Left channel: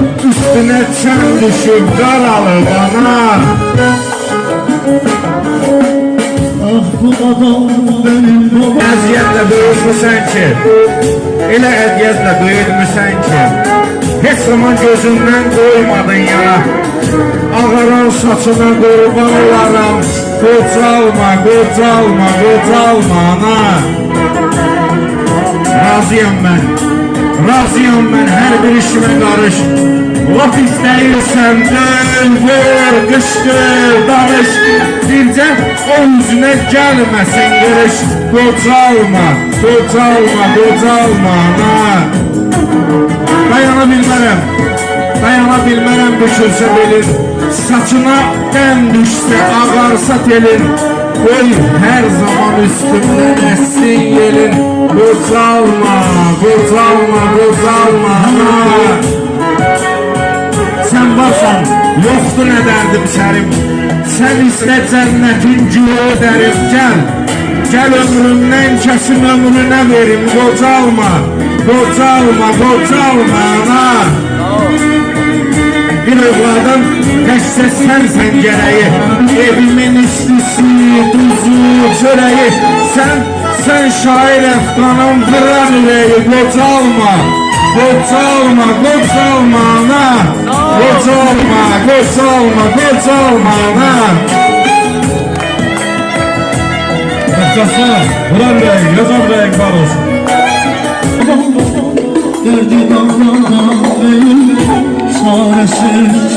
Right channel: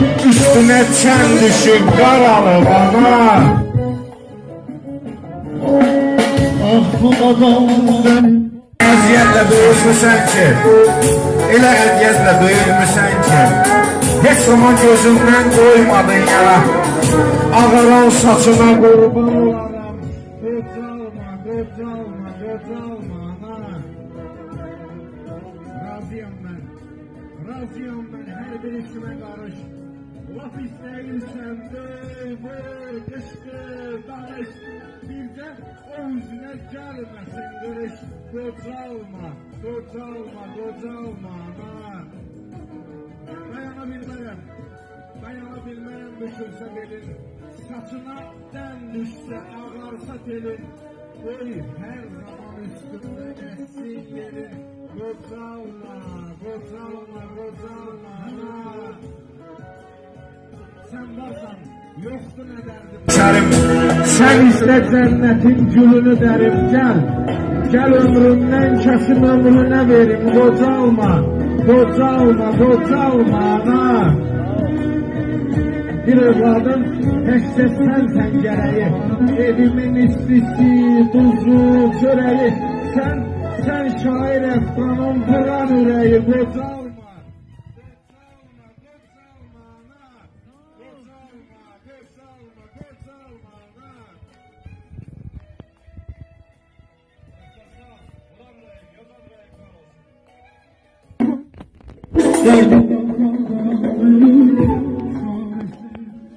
Üstüne sen düşüp qaralı bana. Ah bu adam benim Əziyyətlə böyütmüsən ki, elə əziyyətlə böyütmüsən ki, heç zaman gözündən qoymadın yana. Ağaran saçına qurban olaram, qocalma, qocalma, qocalma ana. Razıyam mən hər bir işimə qarış. Laf istəyirsən dön, vur, qışqır, danış. Bircə o üzünə gəlməsin qırış. Qocalma, qocalma, qocalma ana. Dayana bilmərəm düşürsə belin. Saçına dən düşsə ağarsa telin. Qoy hər zaman üstümdən əssin yelin. Qocalma, qocalma, qocalma ana. Sən varsan, yoxdur nə dərdim sərim. Sən istə cənnətin gülü ödərim. Gəl ömrümdən kəsim ömrünə verim. Qocalma, qocalma, qocalma ana. Bir övladan təkcə sənsən gərəyi. Evimin üstüsü, duzu, çörəyi. Sən şair əfqanım, qıran ürəyi. Qocalma, qocalma, qocalma ana. Qocalma, qocalma, qocalma ana. Başlasana, vuran rəng, yazan rəng var olsun. derdim Allah'tan değil, çaresiz